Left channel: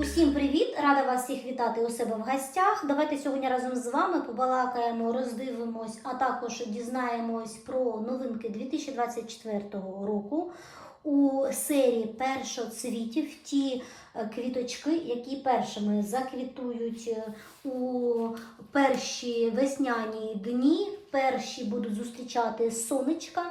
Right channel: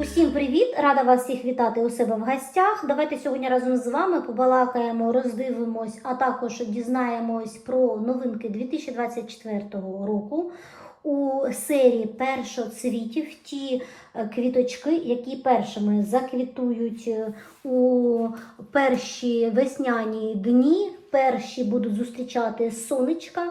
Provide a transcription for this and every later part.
Усім привіт! Рада вас всіх вітати у себе в гостях. Давайте сьогодні разом з вами побалакаємо, роздивимось, а також дізнаємось про новинки 2024 року у серії першоцвітів. Ті е, квіточки, які першими заквітують е, у перші весняні дні, перші будуть зустрічати сонечка.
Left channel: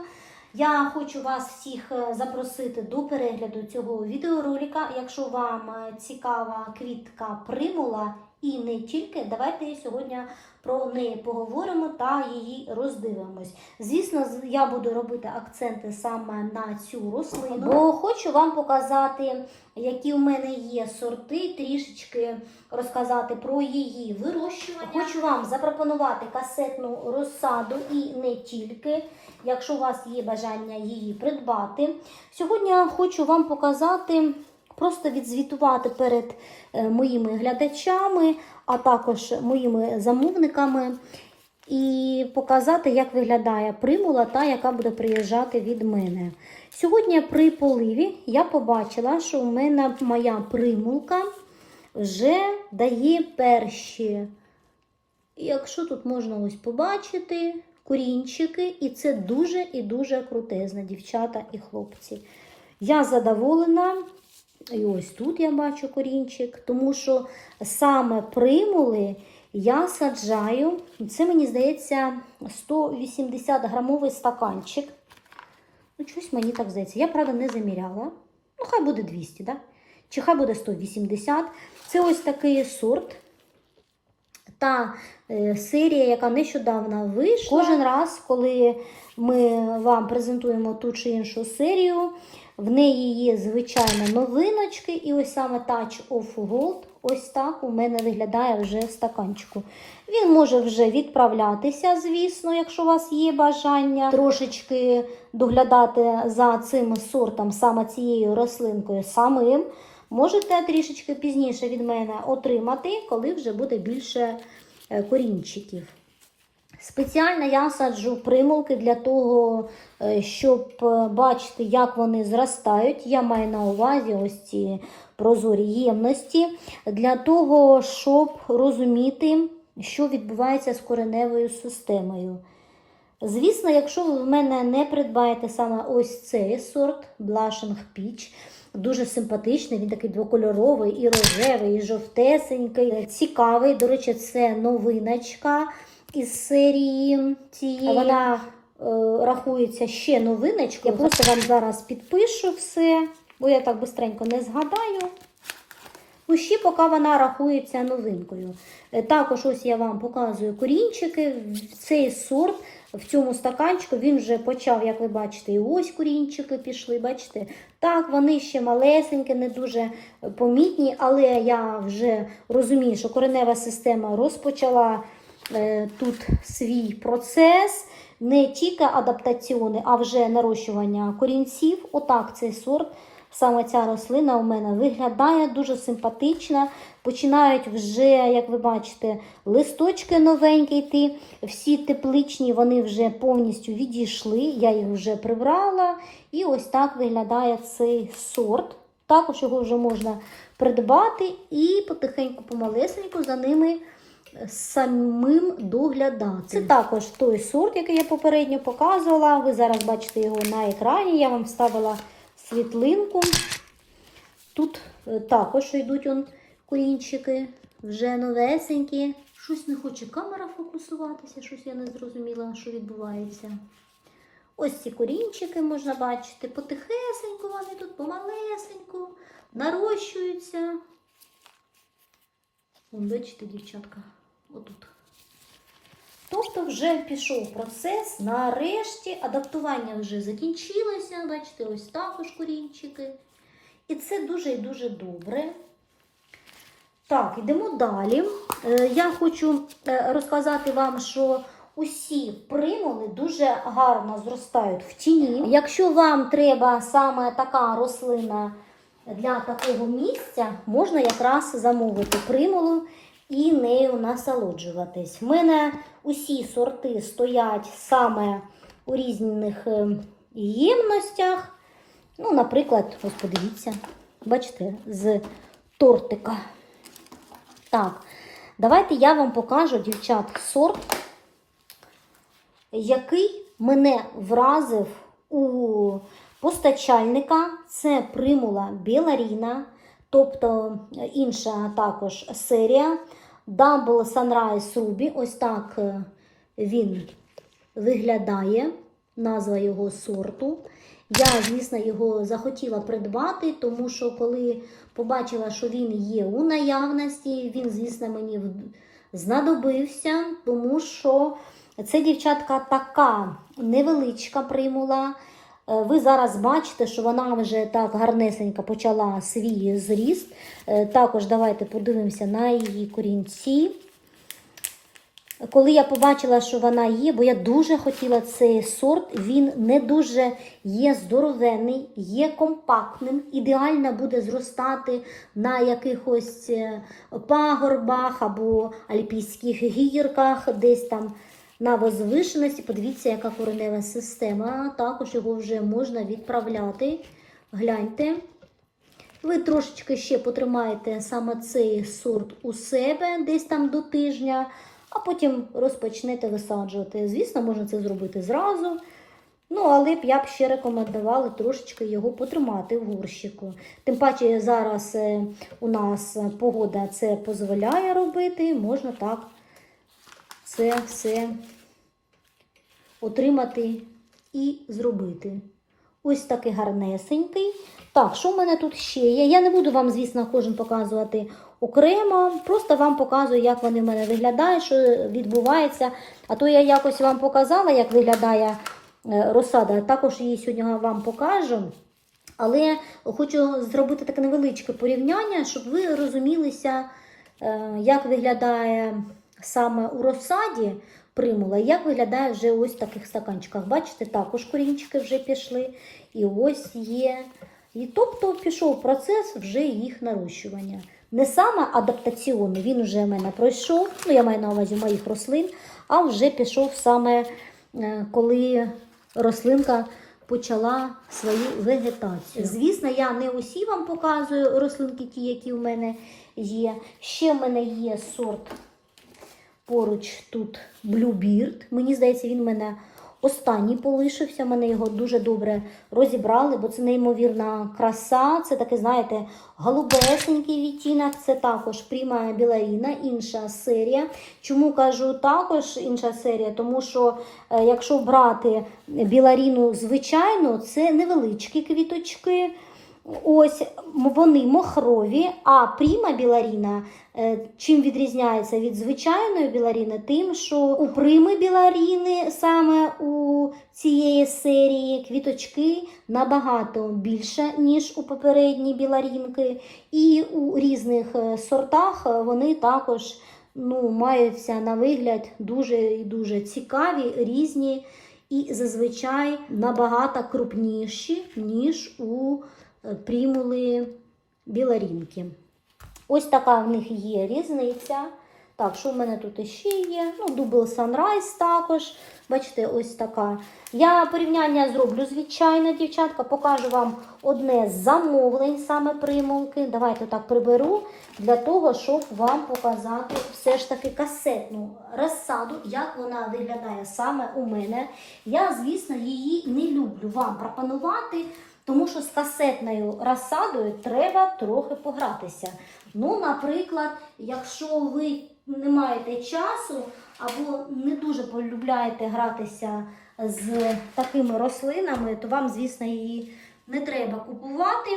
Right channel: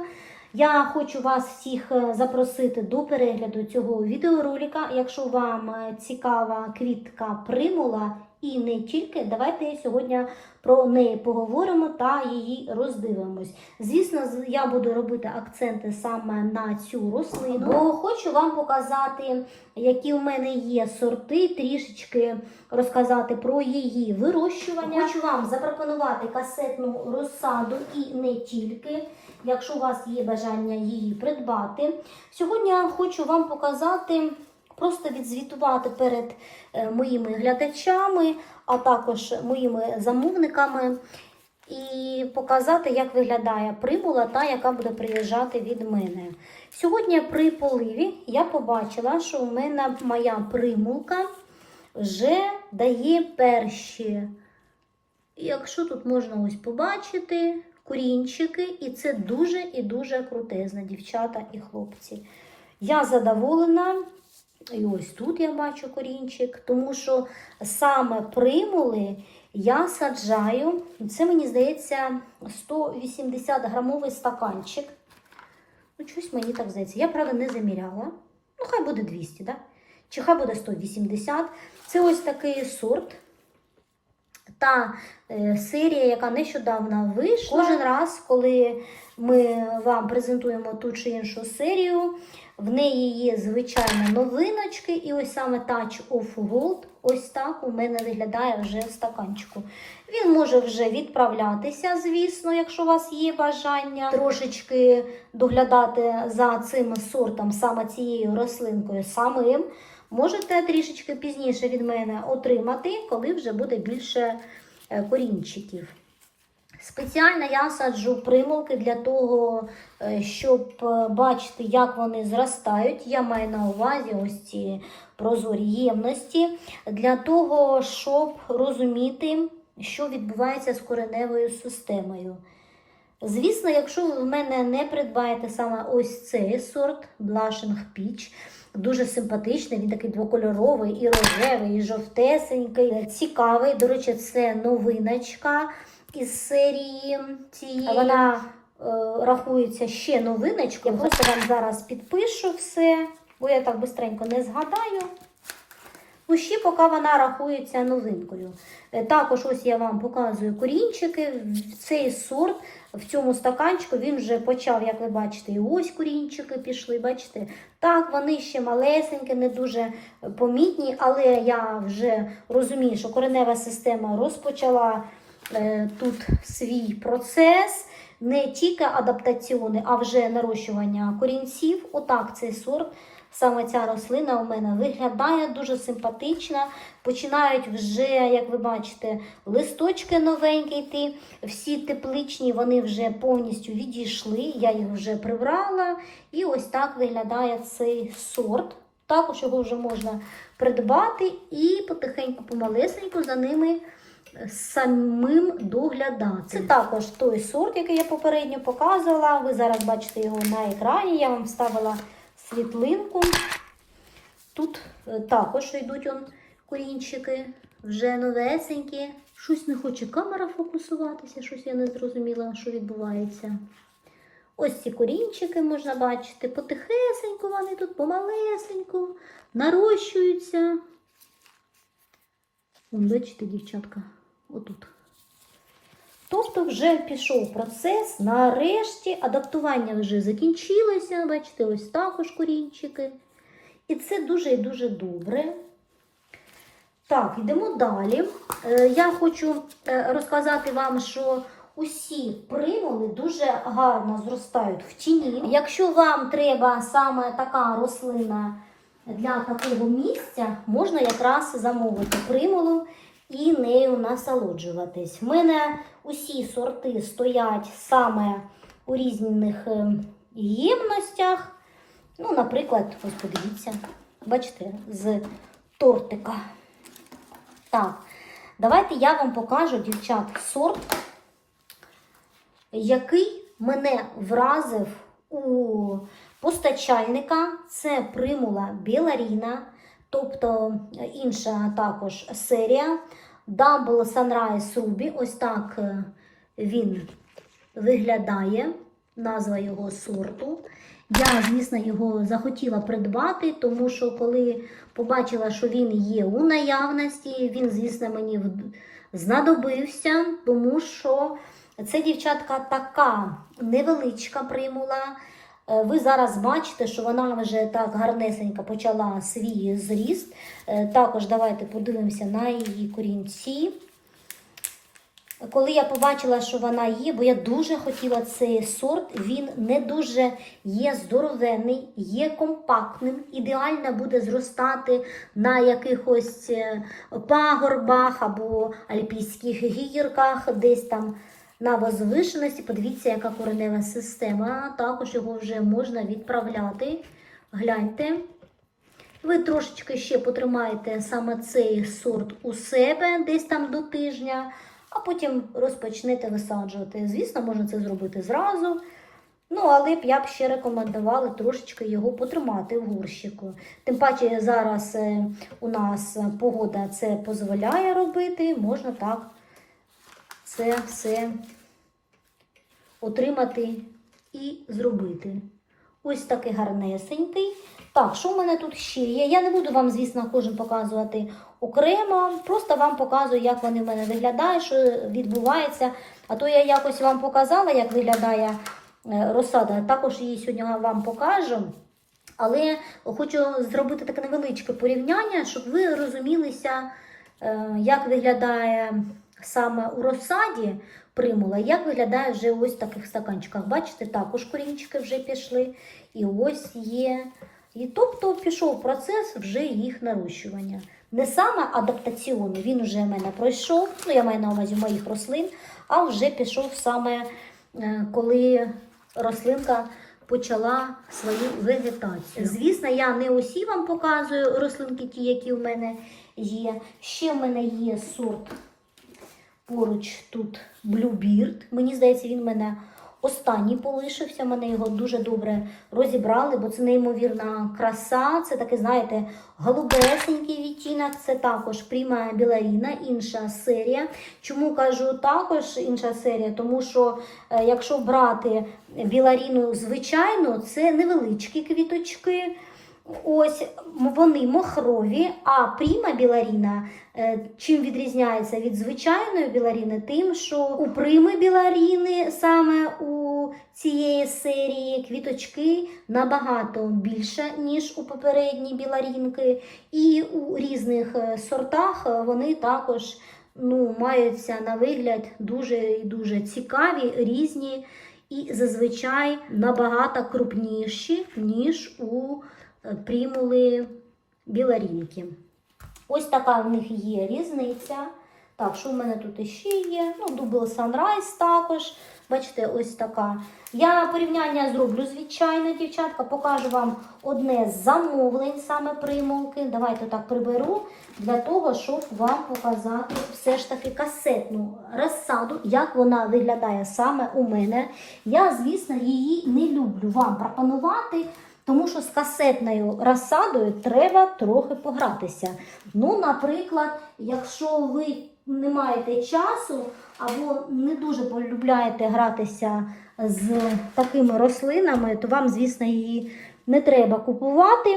Я хочу вас всіх е, запросити до перегляду цього відеоролика. Якщо вам е, цікава квітка примула і не тільки, давайте сьогодні про неї поговоримо та її роздивимось. Звісно, я буду робити акценти саме на цю рослину, бо хочу вам показати, які у мене є сорти, трішечки розказати про її вирощування. Хочу вам запропонувати касетну розсаду і не тільки якщо у вас є бажання її придбати. Сьогодні я хочу вам показати, просто відзвітувати перед е, моїми глядачами, а також моїми замовниками. І показати, як виглядає примула та яка буде приїжджати від мене. Сьогодні при поливі я побачила, що у мене моя примулка вже дає перші. Якщо тут можна ось побачити, корінчики, і це дуже і дуже крутезно, дівчата і хлопці. Я задоволена, і ось тут я бачу корінчик, тому що саме примули я саджаю, це мені здається 180 грамовий стаканчик. Ну, щось мені так здається. Я, правда, не заміряла. Ну, хай буде 200, да? чи хай буде 180. Це ось такий сорт. Та е, серія, яка нещодавно вийшла. Кожен раз, коли ми вам презентуємо ту чи іншу серію, в неї є звичайні новиночки, і ось саме Touch of Gold, ось так у мене виглядає вже в стаканчику. Він може вже відправлятися, звісно, якщо у вас є бажання трошечки доглядати за цим сортом, саме цією рослинкою самим. Можете трішечки пізніше від мене отримати, коли вже буде більше корінчиків. Спеціально я саджу примулки для того, е, щоб е, бачити, як вони зростають. Я маю на увазі ось ці прозорі ємності, для того, щоб розуміти, що відбувається з кореневою системою. Звісно, якщо ви в мене не придбаєте саме ось цей сорт Blushing Peach, дуже симпатичний, він такий двокольоровий, і рожевий, і жовтесенький, цікавий. До речі, це новиночка із серії цієї. Вона е, рахується ще новиночкою. Я просто вам зараз підпишу все, бо я так бистренько не згадаю. Ну, ще поки вона рахується новинкою. Е, Також ось я вам показую корінчики. Цей сорт в цьому стаканчику він вже почав, як ви бачите, і ось корінчики пішли. Бачите? Так, вони ще малесенькі, не дуже помітні, але я вже розумію, що коренева система розпочала е, тут свій процес. Не тільки адаптаційний, а вже нарощування корінців. Отак цей сорт Саме ця рослина у мене виглядає дуже симпатично. Починають вже, як ви бачите, листочки новенькі йти. Всі тепличні вони вже повністю відійшли. Я їх вже прибрала. І ось так виглядає цей сорт. Також його вже можна придбати і потихеньку, помалесеньку за ними самим доглядати. Це також той сорт, який я попередньо показувала. Ви зараз бачите його на екрані. Я вам вставила світлинку. Тут е, також йдуть он корінчики, вже новесенькі. Щось не хоче камера фокусуватися, щось я не зрозуміла, що відбувається. Ось ці корінчики можна бачити. Потихесеньку вони тут помалесеньку, нарощуються. Вон, бачите, дівчатка, отут. Тобто вже пішов процес, нарешті адаптування вже закінчилося. Бачите, ось також корінчики. І це дуже і дуже добре. Так, йдемо далі. Е, Я хочу е, розказати вам, що усі примули дуже гарно зростають в тіні. Якщо вам треба саме така рослина для такого місця, можна якраз замовити примулу і нею насолоджуватись. В мене усі сорти стоять саме у різних е, ємностях. Ну, наприклад, ось подивіться, бачите, з тортика. Так, давайте я вам покажу, дівчат, сорт, який мене вразив у постачальника. Це примула Біларіна, тобто інша також серія. Double Sunrise Ruby. Ось так е, він виглядає, назва його сорту. Я, звісно, його захотіла придбати, тому що коли побачила, що він є у наявності, він, звісно, мені знадобився, тому що це дівчатка така невеличка примула. Е, Ви зараз бачите, що вона вже так гарнесенько почала свій зріст. Е, Також давайте подивимося на її корінці. Коли я побачила, що вона є, бо я дуже хотіла цей сорт, він не дуже є здоровенний, є компактним, ідеально буде зростати на якихось е, пагорбах або альпійських гірках, десь там на возвишеності. Подивіться, яка коренева система. Також його вже можна відправляти. Гляньте. Ви трошечки ще потримаєте саме цей сорт у себе десь там до тижня, а потім розпочнете висаджувати. Звісно, можна це зробити зразу. Ну, але б я б ще рекомендувала трошечки його потримати в горщику. Тим паче зараз е, у нас погода це дозволяє робити, можна так це все отримати і зробити. Ось такий гарнесенький. Так, що в мене тут ще є? Я не буду вам, звісно, кожен показувати окремо. Просто вам показую, як вони в мене виглядають, що відбувається. А то я якось вам показала, як виглядає е, розсада. Також її сьогодні вам покажу. Але хочу зробити таке невеличке порівняння, щоб ви розумілися, е, як виглядає саме у розсаді примула, як виглядає вже ось в таких стаканчиках. Бачите, також корінчики вже пішли. І ось є. І тобто пішов процес вже їх нарощування. Не саме адаптаційний, він вже в мене пройшов, ну я маю на увазі моїх рослин, а вже пішов саме е, коли рослинка почала свою вегетацію. Звісно, я не усі вам показую рослинки, ті, які в мене є. Ще в мене є сорт поруч тут Bluebeard. Мені здається, він в мене останній полишився. Мене його дуже добре розібрали, бо це неймовірна краса. Це таке, знаєте, голубесенький відтінок. Це також Prima Біларіна, інша серія. Чому кажу також інша серія? Тому що е, якщо брати біларіну звичайну, це невеличкі квіточки. Ось вони мохрові, а пріма біларіна чим відрізняється від звичайної біларіни? Тим, що у прими біларіни саме у цієї серії квіточки набагато більше, ніж у попередній біларінки. І у різних е, сортах вони також ну, маються на вигляд дуже і дуже цікаві, різні і зазвичай набагато крупніші, ніж у е, примули біларінки. Ось така в них є різниця. Так, що в мене тут іще є? Ну, Double Sunrise також. Бачите, ось така. Я порівняння зроблю, звичайно, дівчатка. Покажу вам одне з замовлень саме примулки. Давайте так приберу для того, щоб вам показати все ж таки касетну розсаду, як вона виглядає саме у мене. Я, звісно, її не люблю вам пропонувати. Тому що з касетною розсадою треба трохи погратися. Ну, наприклад, якщо ви не маєте часу або не дуже полюбляєте гратися з такими рослинами, то вам, звісно, її не треба купувати.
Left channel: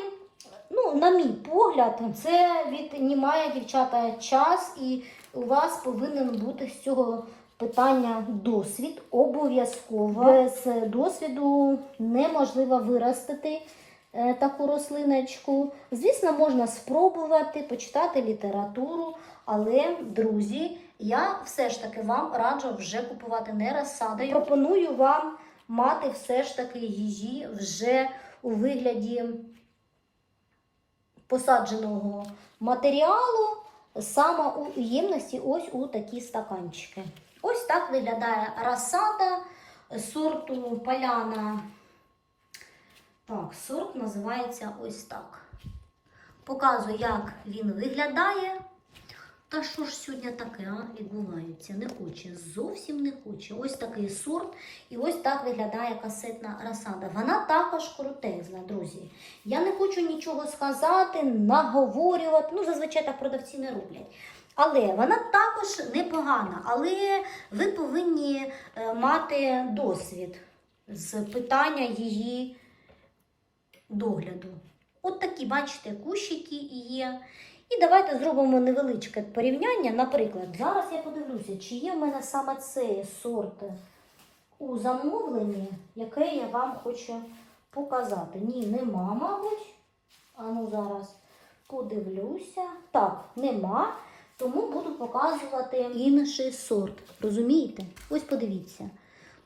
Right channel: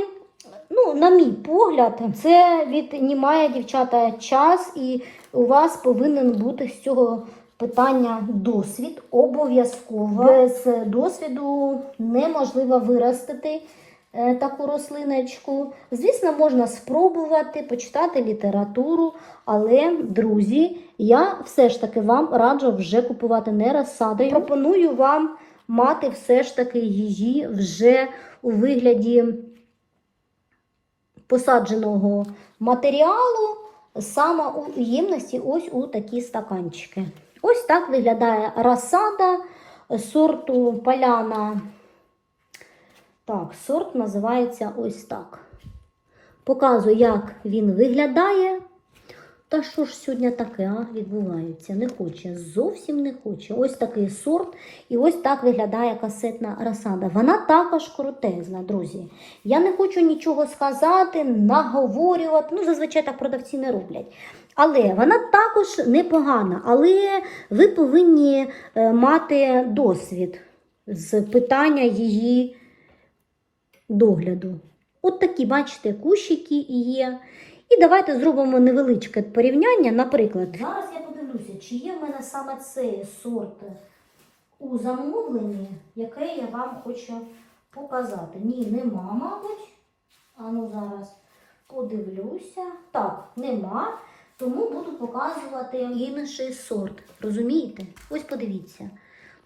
Ну, на мій погляд, це віднімає дівчата час, і у вас повинен бути з цього питання досвід обов'язково. Без досвіду неможливо виростити е, таку рослиночку. Звісно, можна спробувати почитати літературу, але, друзі, я все ж таки вам раджу вже купувати не розсадою. Пропоную вам мати все ж таки її вже у вигляді посадженого матеріалу саме у ємності, ось у такі стаканчики. Ось так виглядає розсада сорту поляна. Так, сорт називається ось так. Показую, як він виглядає. Та що ж сьогодні таке а, відбувається? Не хоче, зовсім не хоче. Ось такий сорт, і ось так виглядає касетна розсада. Вона також крутезна, друзі. Я не хочу нічого сказати, наговорювати. Ну, зазвичай так продавці не роблять. Але вона також непогана. Але ви повинні е, мати досвід з питання її догляду. От такі, бачите, кущики є. І давайте зробимо невеличке порівняння. Наприклад, зараз я подивлюся, чи є в мене саме цей сорт у замовленні, яке я вам хочу показати. Ні, нема, мабуть. А ну зараз подивлюся. Так, нема. Тому буду показувати інший сорт. Розумієте? Ось подивіться.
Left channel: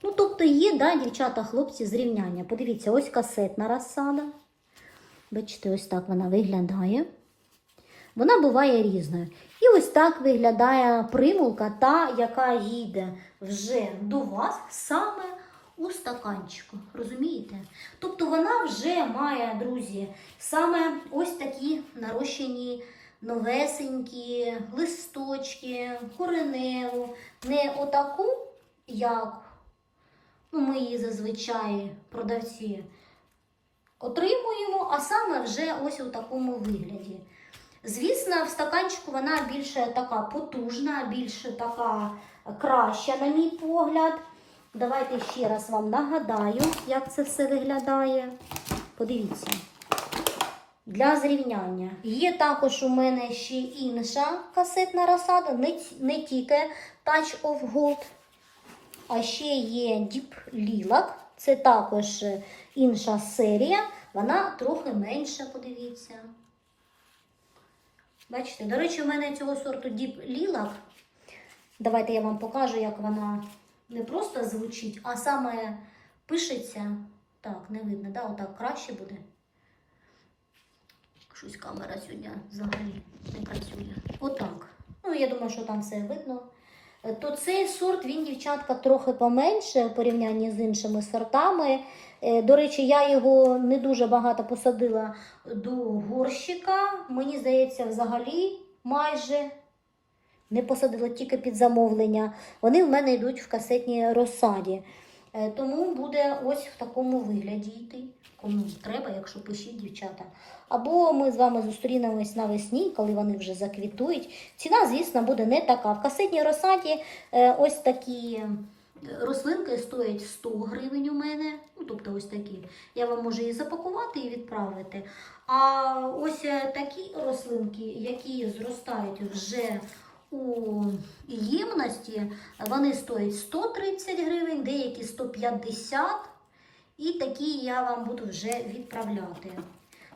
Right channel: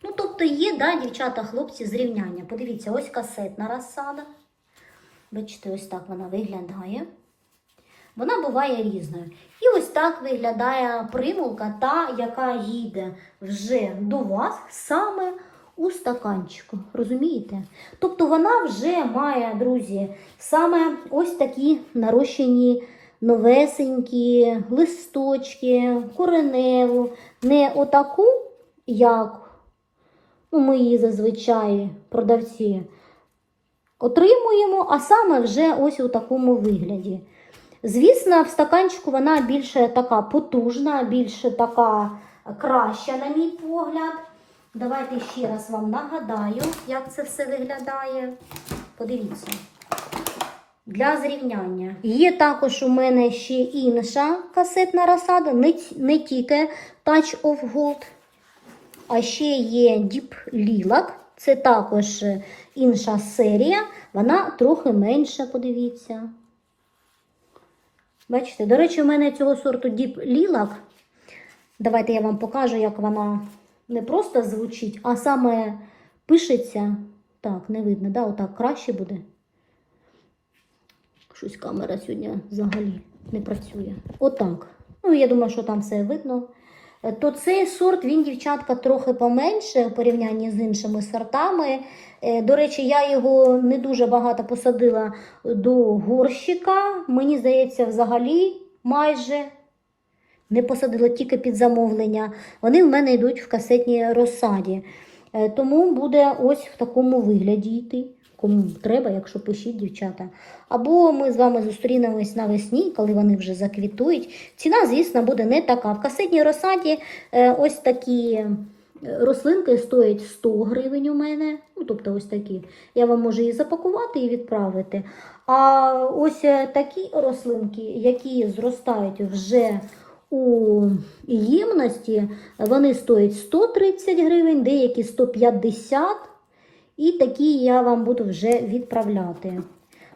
Ну, тобто є, да, дівчата, хлопці, зрівняння. Подивіться, ось касетна розсада. Бачите, ось так вона виглядає. Вона буває різною. І ось так виглядає примулка, та, яка їде вже до вас саме у стаканчику. Розумієте? Тобто вона вже має, друзі, саме ось такі нарощені новесенькі листочки, кореневу. Не отаку, як ну, ми її зазвичай продавці отримуємо, а саме вже ось у такому вигляді. Звісно, в стаканчику вона більше така потужна, більше така краща, на мій погляд. Давайте ще раз вам нагадаю, як це все виглядає. Подивіться. Для зрівняння. Є також у мене ще інша касетна розсада, не, не тільки Touch of Gold, а ще є Deep Lilac. Це також інша серія. Вона трохи менша, подивіться. Бачите, до речі, у мене цього сорту Deep Lilac. Давайте я вам покажу, як вона не просто звучить, а саме пишеться. Так, не видно, да? отак краще буде. Щось камера сьогодні взагалі не працює. Отак. Ну, я думаю, що там все видно. Е, То цей сорт, він, дівчатка, трохи поменше у порівнянні з іншими сортами. Е, До речі, я його не дуже багато посадила до горщика. Мені здається, взагалі майже не посадила тільки під замовлення. Вони в мене йдуть в касетній розсаді. Е, Тому буде ось в такому вигляді йти. Кому треба, якщо пишіть, дівчата. Або ми з вами зустрінемось навесні, коли вони вже заквітують. Ціна, звісно, буде не така. В касетній розсаді е, ось такі е, рослинки стоять 100 гривень у мене. Ну, тобто ось такі. Я вам можу її запакувати і відправити. А ось такі рослинки, які зростають вже у ємності, вони стоять 130 гривень, деякі 150 і такі я вам буду вже відправляти.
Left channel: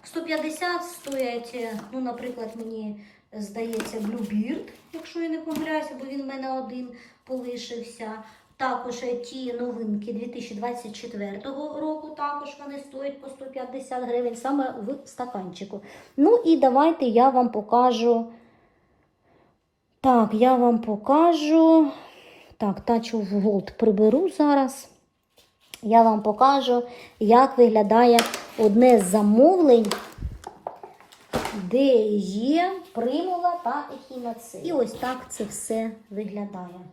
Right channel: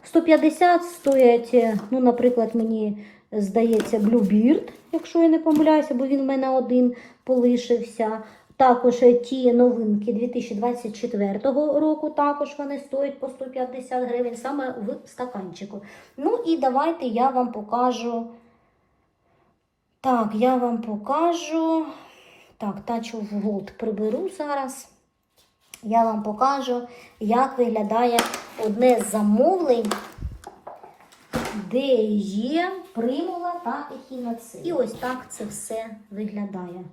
150 стоять, ну, наприклад, мені здається, Bluebeard, якщо я не помиляюся, бо він в мене один полишився. Також ті новинки 2024 року, також вони стоять по 150 гривень саме в стаканчику. Ну і давайте я вам покажу. Так, я вам покажу. Так, of Gold приберу зараз. Я вам покажу, як виглядає одне з замовлень, де є примула та ехінацея. І ось так це все виглядає.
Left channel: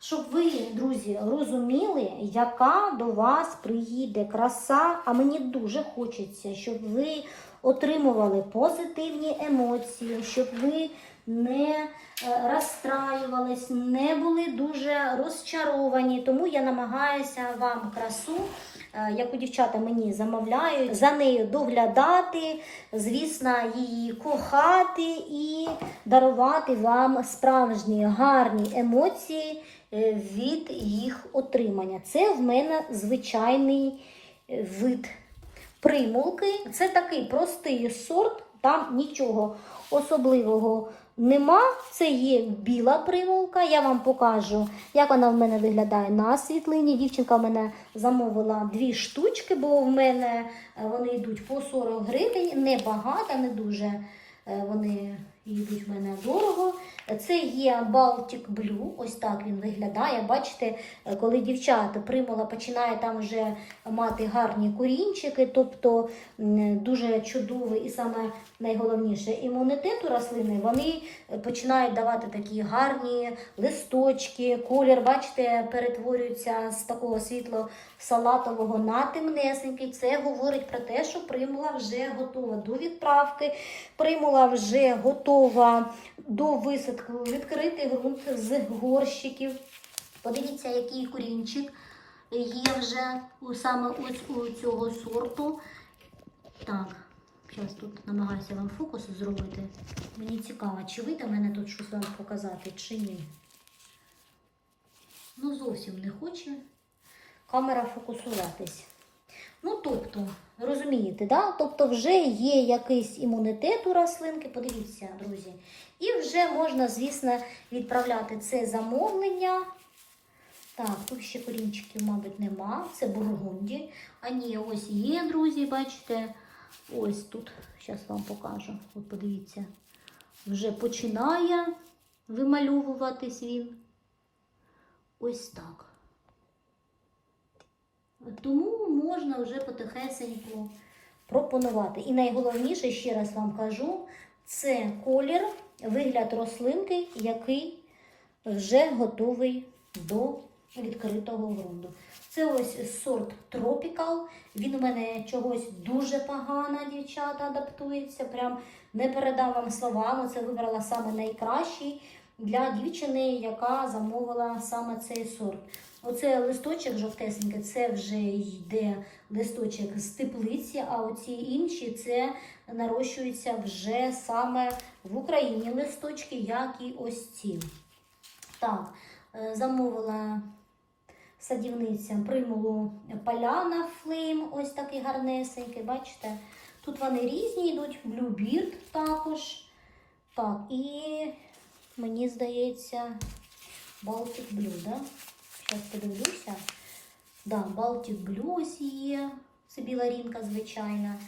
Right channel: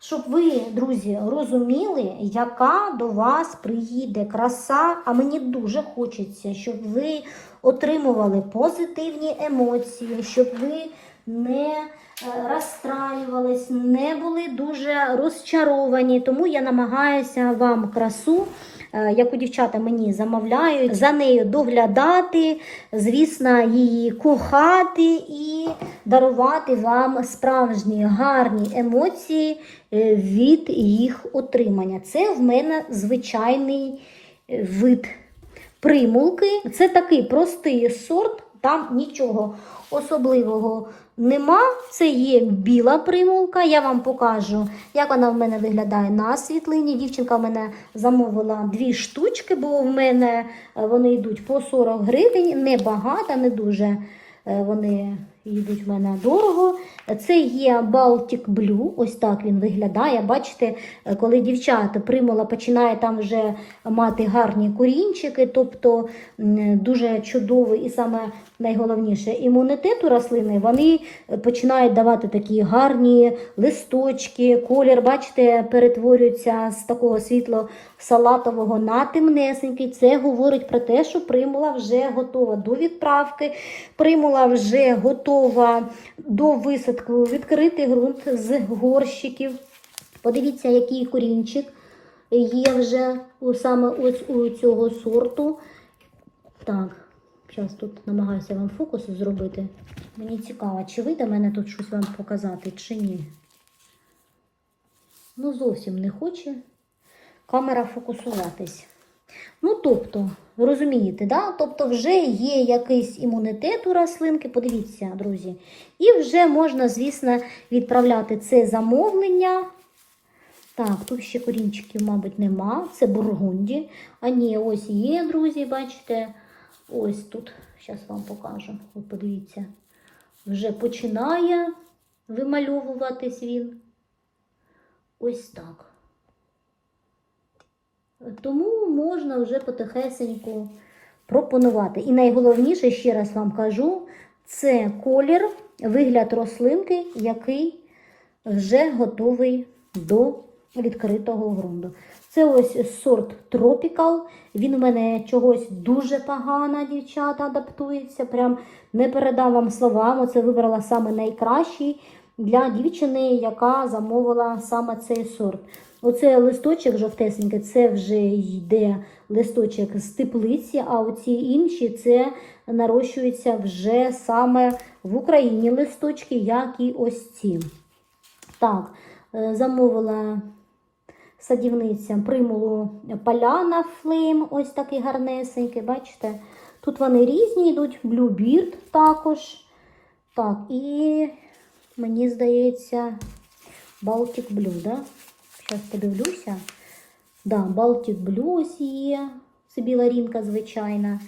Щоб ви, друзі, розуміли, яка до вас приїде краса, а мені дуже хочеться, щоб ви отримували позитивні емоції, щоб ви не е, розстраювались, не були дуже розчаровані. Тому я намагаюся вам красу, е, яку дівчата мені замовляють, за нею доглядати, звісно, її кохати і дарувати вам справжні гарні емоції е, від їх отримання. Це в мене звичайний вид примулки. Це такий простий сорт, там нічого особливого нема. Це є біла примулка. Я вам покажу, як вона в мене виглядає на світлині. Дівчинка в мене замовила дві штучки, бо в мене е, вони йдуть по 40 гривень, небагато, не дуже е, вони йдуть в мене дорого. Це є Baltic Blue, ось так він виглядає. Бачите, коли дівчата примула починає там вже мати гарні корінчики, тобто дуже чудовий і саме найголовніше імунітет у рослини, вони починають давати такі гарні листочки, колір, бачите, перетворюється з такого світло-салатового на темнесенький. Це говорить про те, що примула вже готова до відправки, примула вже готова до висадку, відкритий ґрунт з горщиків. Подивіться, який корінчик є вже у, саме ось у цього сорту. Так, зараз тут намагаюся вам фокус зробити. Мені цікаво, чи вийде мене тут щось вам показати, чи ні. Ну, зовсім не хоче камера фокусуватись. Ну, тобто, ви розумієте, да? тобто вже є якийсь імунітет у рослинки, подивіться, друзі. І вже можна, звісно, відправляти це замовлення. Так, тут ще корінчиків, мабуть, нема. Це бургунді. А ні, ось є, друзі, бачите. Ось тут. Зараз вам покажу. От подивіться. Вже починає вимальовуватись він. Ось так. Тому можна вже потихесеньку пропонувати. І найголовніше, ще раз вам кажу, це колір, вигляд рослинки, який вже готовий до відкритого ґрунту. Це ось сорт Tropical. Він у мене чогось дуже погано, дівчата, адаптується. Прям не передам вам словами. Це вибрала саме найкращий для дівчини, яка замовила саме цей сорт. Оце листочок жовтесенький, це вже йде листочок з теплиці, а оці інші це нарощуються вже саме в Україні листочки, як і ось ці. Так, е, замовила садівниця примулу Поляна Флейм, ось такий гарнесенький, бачите? Тут вони різні йдуть, Bluebeard також. Так, і мені здається, Baltic Blue, да? Зараз подивлюся. Да, Baltic Blue ось є, це білорінка звичайна.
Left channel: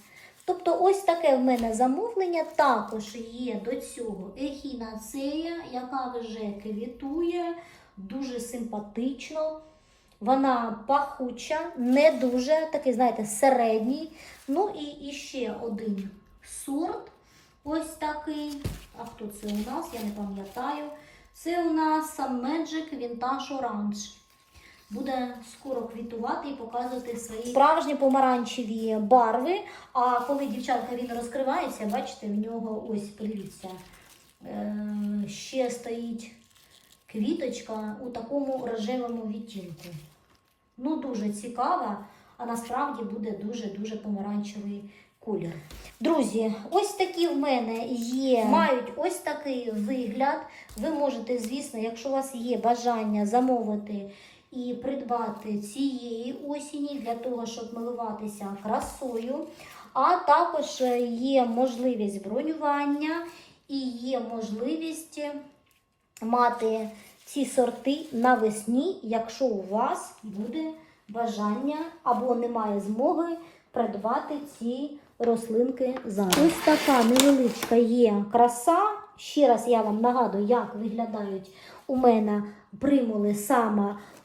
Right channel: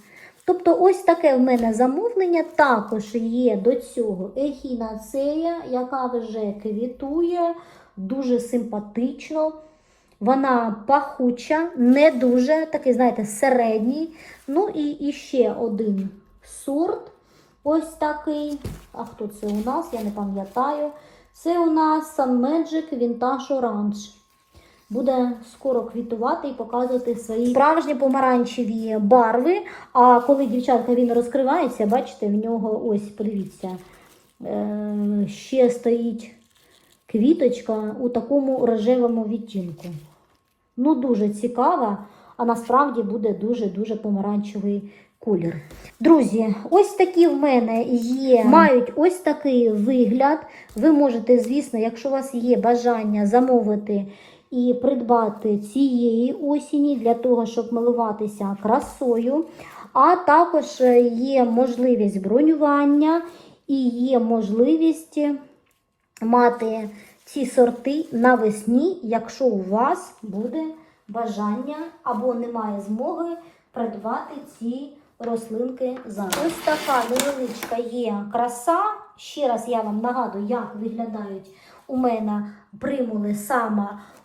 Тобто ось таке в мене замовлення. Також є до цього ехінацея, яка вже квітує, дуже симпатично. Вона пахуча, не дуже, такий, знаєте, середній. Ну і, і ще один сорт. Ось такий. А хто це у нас? Я не пам'ятаю. Це у нас Sun Magic Vintage Orange. Буде скоро квітувати і показувати свої справжні помаранчеві барви. А коли дівчатка він розкривається, бачите, в нього ось, подивіться, е, ще стоїть квіточка у такому рожевому відтінку. Ну, дуже цікава, а насправді буде дуже-дуже помаранчевий колір. Друзі, ось такі в мене є, мають ось такий вигляд. Ви можете, звісно, якщо у вас є бажання замовити і придбати цієї осені для того, щоб милуватися красою. А також є можливість бронювання і є можливість мати ці сорти навесні, якщо у вас буде бажання або немає змоги придбати ці рослинки зараз. Ось така невеличка є краса. Ще раз я вам нагадую, як виглядають у мене примули саме у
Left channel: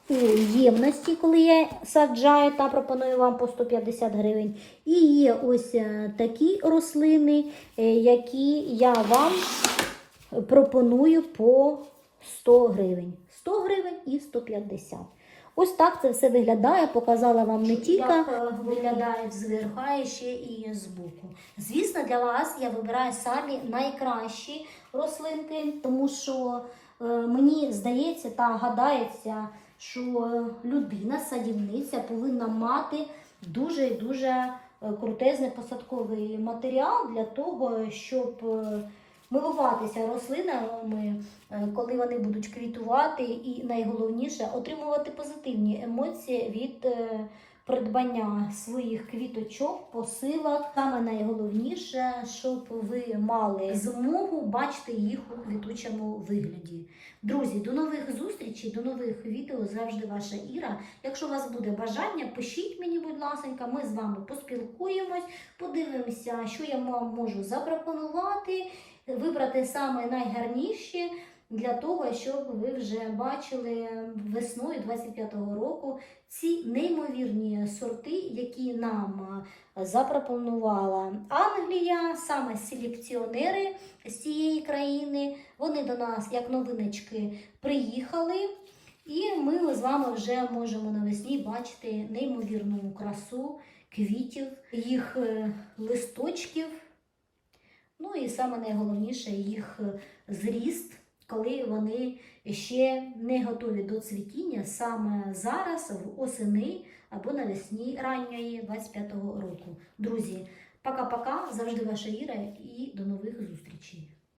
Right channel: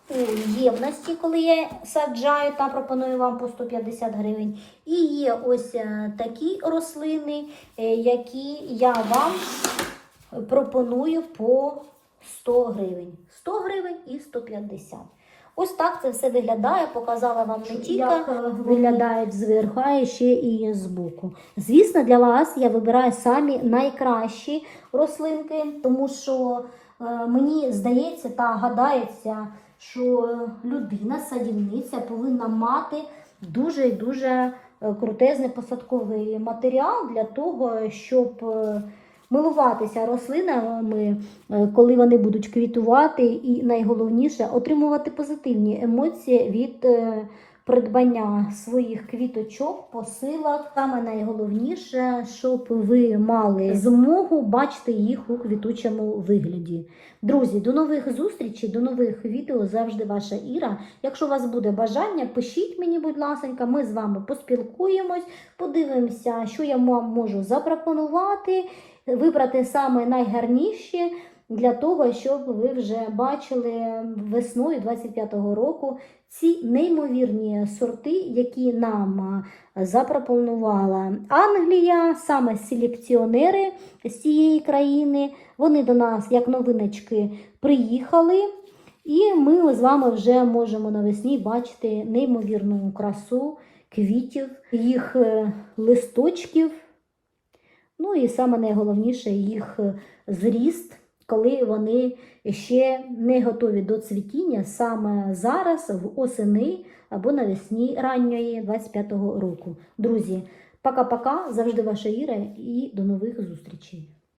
ємності, коли я саджаю та пропоную вам по 150 гривень. І є ось е, такі рослини, е, які я вам пропоную по 100 гривень. 100 гривень і 150. Ось так це все виглядає. Показала вам не тільки як виглядають зверху, а ще і збоку. Звісно, для вас я вибираю самі найкращі рослинки, тому що е, мені здається та гадається, що людина, садівниця повинна мати дуже і дуже е, крутезний посадковий матеріал для того, щоб е, милуватися рослинами, е, коли вони будуть квітувати, і найголовніше отримувати позитивні емоції від придбання своїх квіточок, посилок. Саме найголовніше, щоб ви мали змогу бачити їх у квітучому вигляді. Друзі, до нових зустрічей, до нових відео. Завжди ваша Іра. Якщо у вас буде бажання, пишіть мені, будь ласка, ми з вами поспілкуємось, подивимося, що я вам можу запропонувати, вибрати саме найгарніші для того, щоб ви вже бачили весною 25-го року ці неймовірні сорти, які нам е, запропонувала Англія, саме селекціонери з цієї країни. Вони до нас, як новиночки, приїхали. І ми з вами вже можемо навесні бачити неймовірну красу квітів, їх е, листочків. Ну і саме найголовніше їх е, зріст, коли вони ще не готові до цвітіння саме зараз, в осени або навесні ранньої 25-го року. Друзі, пока-пока, завжди ваша Іра і до нових зустрічей.